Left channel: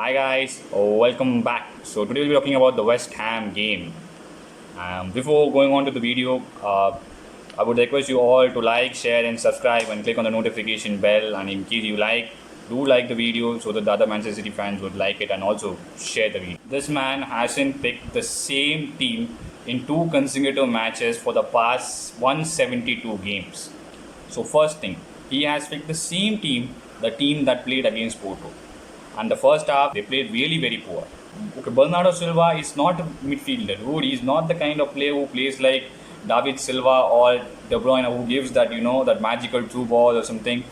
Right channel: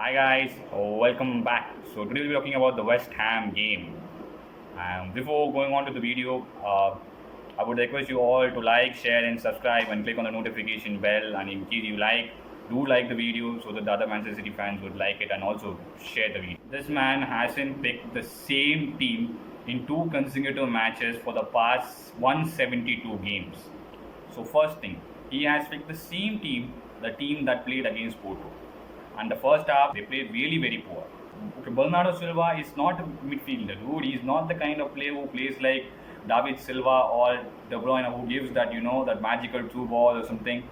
Hi guys, welcome back. So today we'll be talking about the West Ham game. Before going on to the video, I would request you all to like, share, and subscribe, and click on the notification bell. And in case you do like the video so that the other Manchester City fans would like it and also share the video. This man hasn't picked the same team in two consecutive matches for the past 172 games. So first thing, he has picked the same team, the team that played against Porto. And the first half, they played really very poor. Okay, Bernardo Silva is not a midfielder, dude. He's not the kind of player who plays like David Silva or De Bruyne, who gives that that magical through ball or something.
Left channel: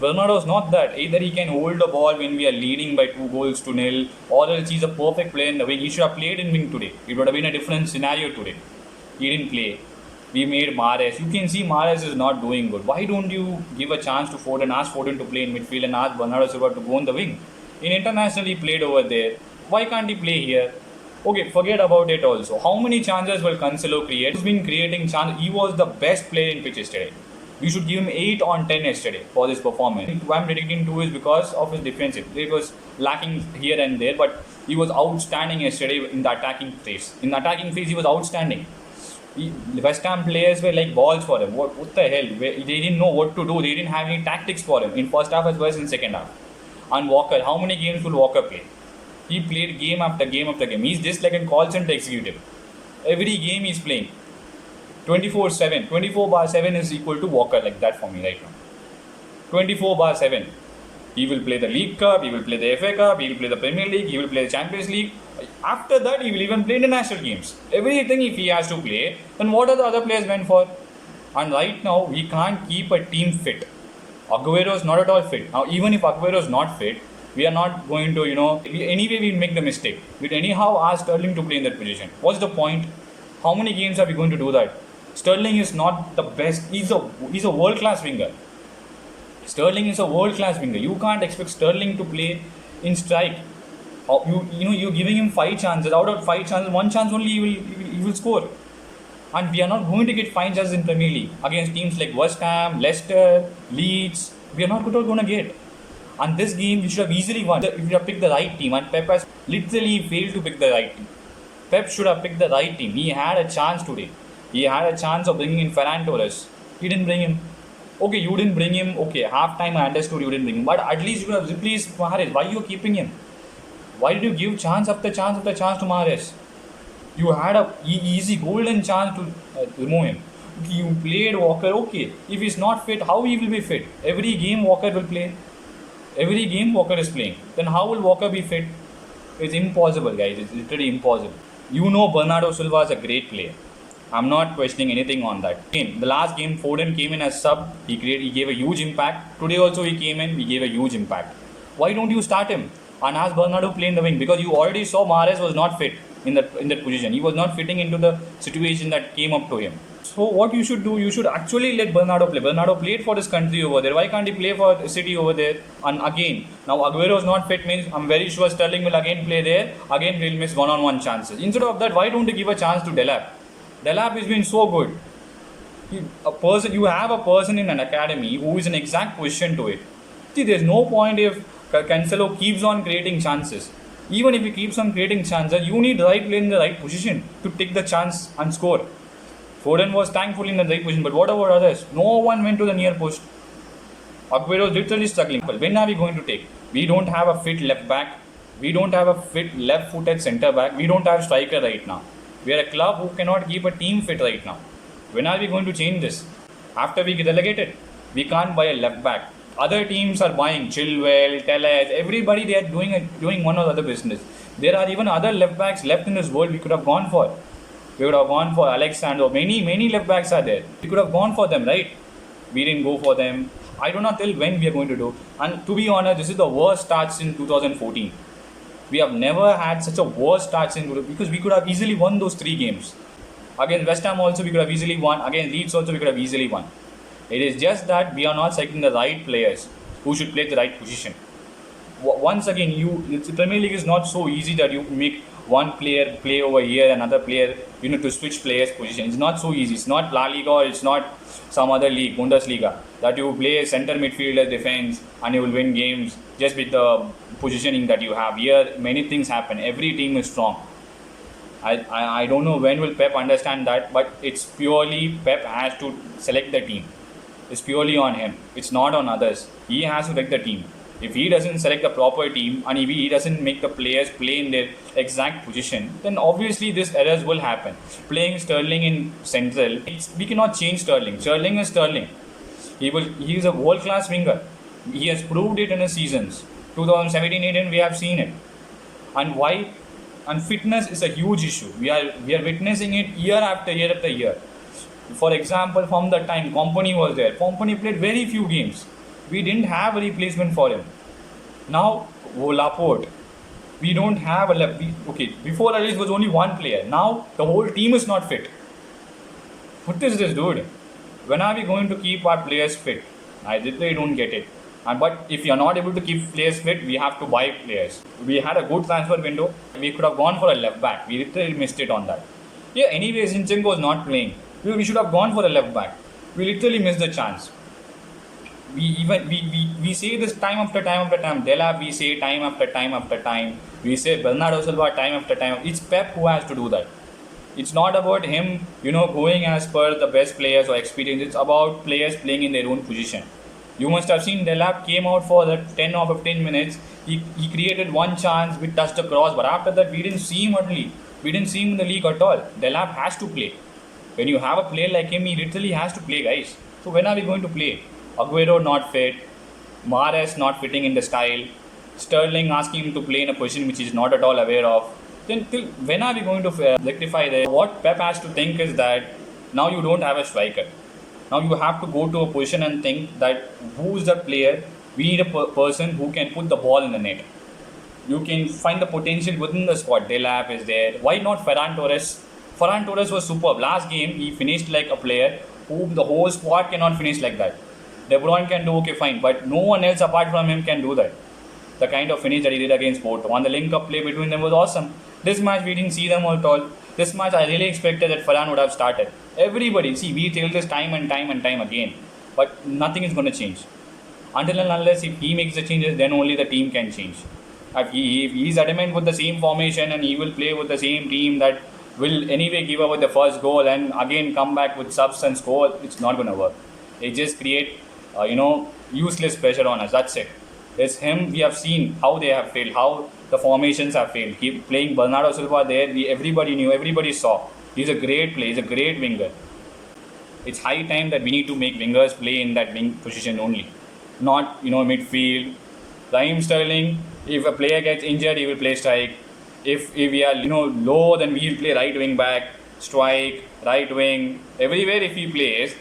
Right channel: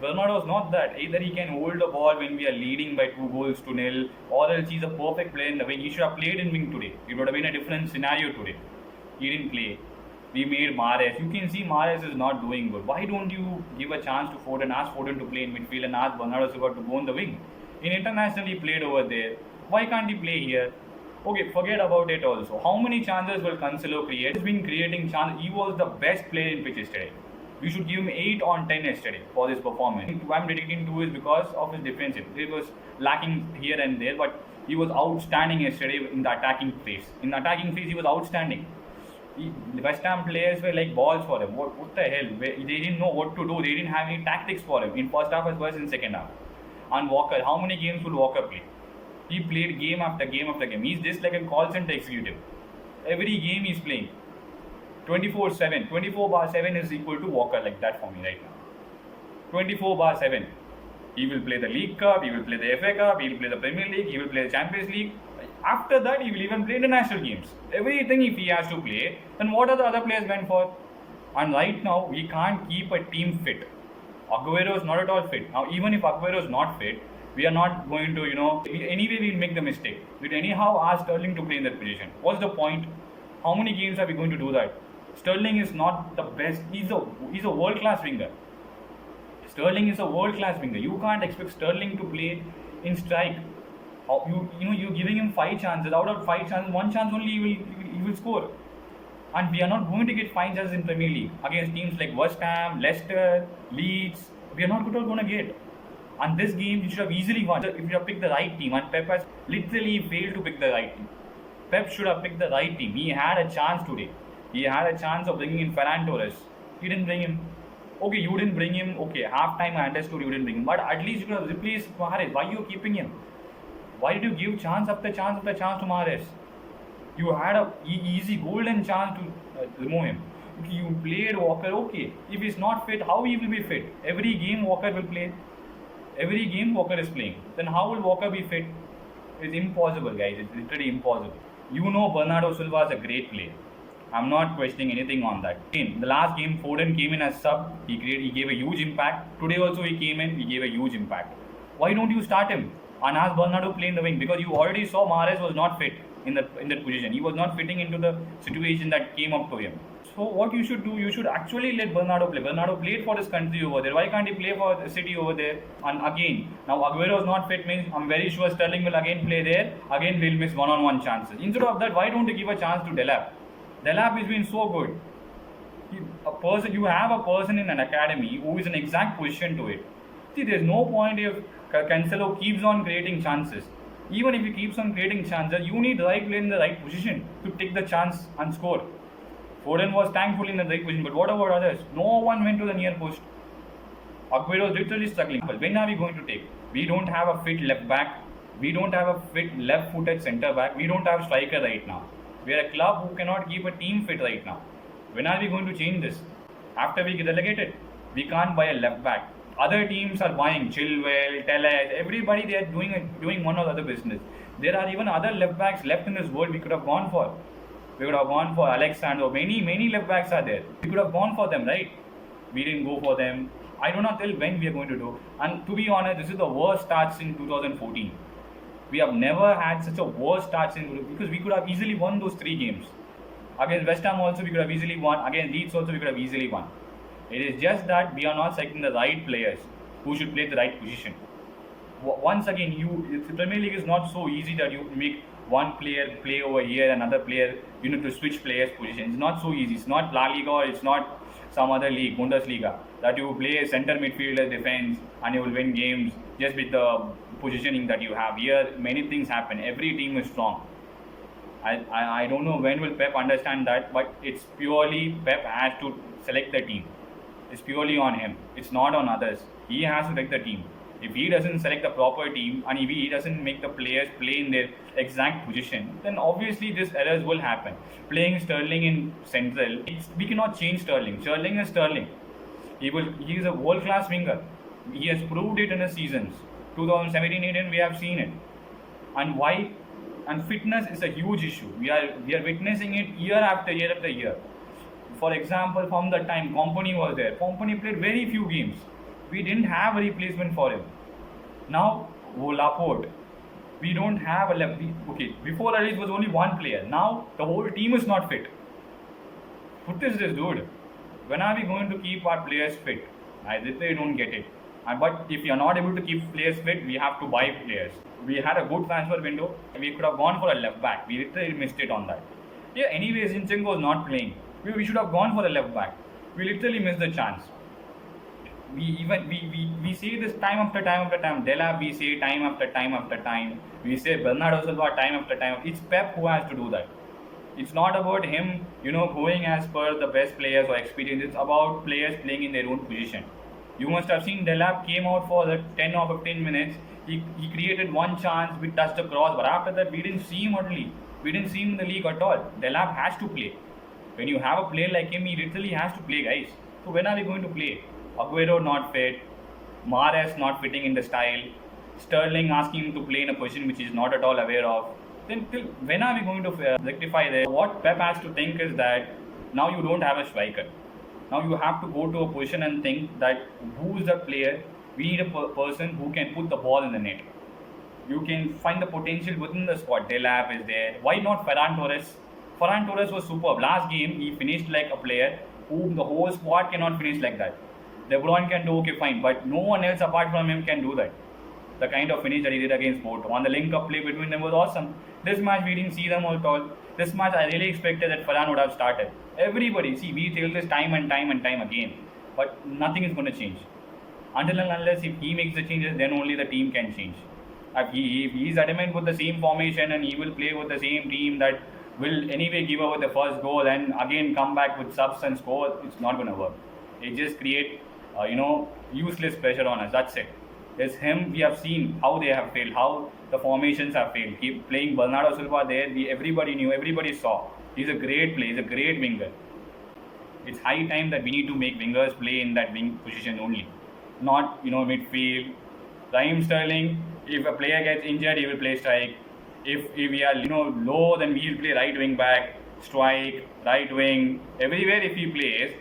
Bernardo is not that. Either he can hold the ball when we are leading by 2-0, or else he's a perfect player in the wing. He should have played in wing today. It would have been a different scenario today. He didn't play. We made Mahrez. You can see Mahrez is not doing good. Why don't you give a chance to Foden, ask Foden to play in midfield and ask Bernardo Silva to go on the wing? In international he played over there. Why can't he play here? Okay, forget about it also. How many chances will Cancelo create? He's been creating chances. He was the best player in pitch yesterday. We should give him 8 on 10 yesterday for this performance. Why I'm dedicating to is because of his defensive. It was lacking here and there, but he was outstanding yesterday in the attacking phase. In the attacking phase, he was outstanding. West Ham players were like balls for him. What the hell? They didn't know what to do. They didn't have any tactics for him in first half as well as in second half. And Walker, how many games will Walker play? He played game after game after game. He's just like a call center executive. Every game he's playing. 24/7. 24/7 is equal to Walker, like that for me right now. 24/7. He will play the League Cup, he will play the FA Cup, he will play the Premier League, he will play the Champions League. After that, he will even play the national games. Everything if he has to play, then what are the other players meant for? And right now, we can't keep a team fit. Aguero is not at all fit. Now, even if Aguero is not fit, we are not going to, anyway we make the mistake. We'd anyhow ask Sterling to play in that position. What's the point? How many games are we going to do that? Sterling is not the best. He's a world-class winger. Sterling is a world-class winger. You can't expect Sterling to play in strike. You're giving him 5 chances. Out of 5 chances, 1 chance only he will score. And we are not going to get 5 chances in Premier League against teams like West Ham, Leicester, Leeds. We are not going to get. And this game we should have easily won if we have picked the right team. And Pep has literally failed to pick the right team. Pep should have picked the right team. He had a chance today. He had a chance of bringing in Ferran Torres. He didn't bring him. Okay, you didn't bring him. Okay, half time I understood you didn't bring him. But at least you have replaced Mahrez. Why are you keeping him? Why did you give chance after chance after chance to Mahrez? You had a easy golden chance to remove him. You played Walker. Okay, if he's not fit, how he will be fit? Every game Walker will play. Every game Walker is playing. Then how will Walker be fit? It's impossible, guys. It's literally impossible. You know Bernardo Silva is a great player. I'm not questioning anything on that. In the last game, Foden came in as sub. He gave a huge impact. Today also he came in. He gave a huge impact. Why don't you start him and ask Bernardo to play in the wing? Because you already saw Mahrez was not fit in that position. He was not fitting into the situation that came up to him. So what you should do, you should actually let Bernardo play. Bernardo played for his country over there. Why can't he play for City over there? And again, now Aguero is not fit means I'm very sure Sterling will again play there. Again we'll miss one-on-one chances. Instead of that, why don't you give a chance to Delap? Delap has been so good. You have a person in an academy who is an exact position to it. See, there's no point if Cancelo keeps on creating chances. Even if he keeps on creating chances, you need the right player in the right position to take the chance and score. Foden was thankfully in the right position, but what about others? No one went to the near post. Aguero is literally struggling. But when are we going to take? We don't have a fit left back. We don't have a fit left-footed centre back. We don't have striker right now. We are a club who cannot keep a team fit right now. When are we going to change this? After we get relegated, we can't buy a left back. Other teams are buying Chilwell, Telles, everybody they are doing one or other business. There are even other left backs left in this world we could have gone for. We would have gone for Alexander. Many left backs are there. We could have gone for them, right? We didn't go for them. I don't know till when we are going to do. And to be honest, this is the worst start since 2014. We have never had such a worst start since because we could have easily won those 3 games. Against West Ham also we could have easily won. Against Leeds also we could have easily won. It is just that we are not selecting the right players who should play the right position. Once again, the Premier League is not so easy that you make one player play over here, another player, you need to switch players' position. It's not so easy. It's not La Liga or it's not some other league, Bundesliga. that you play center midfielder defense and you will win games just with the positioning that you have. Here, many things happen. Every team is strong. I don't know when will Pep understand that, but it's purely Pep has to select the team. It's purely on him. It's not on others. He has to select the team. If he doesn't select the proper team and if he doesn't make the players play in their exact position, then obviously these errors will happen. Playing Sterling in central, we cannot change Sterling. Sterling is Sterling. He is a world-class winger. He has proved it in the seasons. 2017-18 we have seen it. And why? And fitness is a huge issue. We are witnessing it year after year after year. For example, from the time Kompany was there, Kompany played very few games. We didn't have a replacement for him. Now, Laporte, we don't have a left. Okay, before Alice was only one player. Now the whole team is not fit. What is this, dude? When are we going to keep our players fit? I literally don't get it. But if you're not able to keep players fit, we have to buy players. We had a good transfer window. We could have gone for a left back. We literally missed it on that. Yeah, anyways, Zinchenko was not playing. We should have gone for a left back. We literally missed the chance. We say this time after time after time. Delap we say time after time after time. We say Bernardo Silva time after time. It's Pep who has to do that. It's not about him, going as per the best players or experience. It's about players playing in their own position. You must have seen Delap came out for the 10 or 15 minutes. He created one chance, we touched the cross, but after that we didn't see him at least. We didn't see him in the league at all. Delap has to play. When you have a player like him, he literally has to play, guys. So when are we going to play? Aguero not fit, Mahrez not fitting in the style, Sterling asking him to play in a position which he is not at all aware of. Then when are we going to rectify this? What Pep has to think is that now you don't have a striker. Now you have to go to a position and think that who's the player. We need a person who can put the ball in the net. You can find the potential within the squad. Delap is there. Why not Ferran Torres? Ferran Torres was superb. Last game he finished like a player who the whole squad cannot finish like that. De Bruyne can do okay fine, but no one else apart from him can do that. The kind of finish that he did against Porto. On the link-up play between them was awesome. This match we didn't see them at all. This match I really expected that Ferran would have started. Everybody, see, we tell this time and time and time again, but nothing is going to change. Until and unless if he makes the changes, then only the team can change. If he's adamant with the same formation and he will play with the same team that will anyway give up with the first goal and again come back with subs and score, it's not going to work. It just create useless pressure on us. That's it. It's him. We have seen how they have failed, how the formations have failed. Keep playing Bernardo Silva there. Everybody knew, everybody saw. He's a great player. He's a great winger. It's high time that we need to make wingers play in that wing position only, not midfield. Raheem Sterling, if a player gets injured, he will play strike. If we are low, then we will play right wing back, strike, right wing. Everywhere if he plays,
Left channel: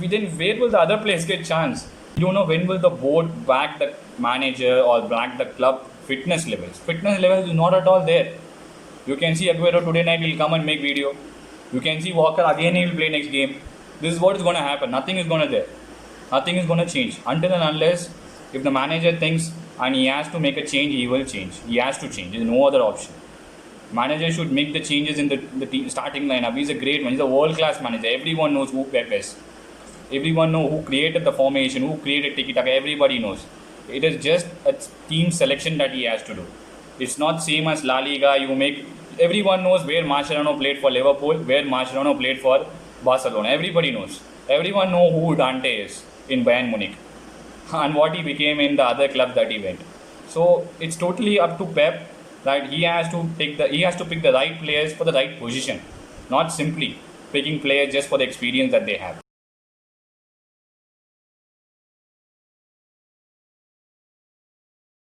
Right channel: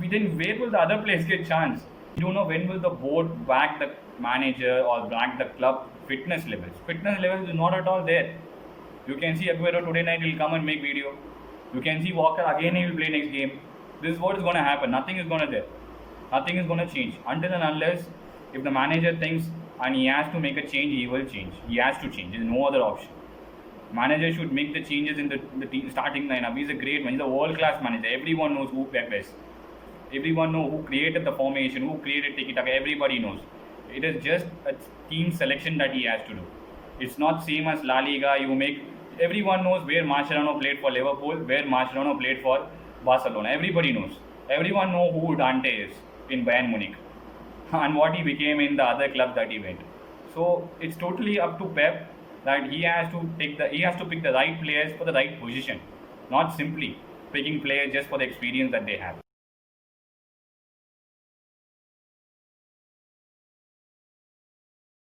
then where will the other players get chance? You don't know when will the board back the manager or back the club fitness levels. Fitness levels is not at all there. You can see Aguero today night will come and make video. You can see Walker again he will play next game. This is what is going to happen. Nothing is going to there. Nothing is going to change until and unless if the manager thinks and he has to make a change, he will change. He has to change. There is no other option. Manager should make the changes in the team starting lineup. He's a great one. He's a world-class manager. Everyone knows who Pep is. Everyone knows who created the formation, who created tiki-taka. Everybody knows. It is just a team selection that he has to do. It's not same as La Liga. Everyone knows where Mascherano played for Liverpool, where Mascherano played for Barcelona. Everybody knows. Everyone knows who Dante is in Bayern Munich and what he became in the other club that he went. So it's totally up to Pep that he has to pick the right players for the right position, not simply picking players just for the experience that they have.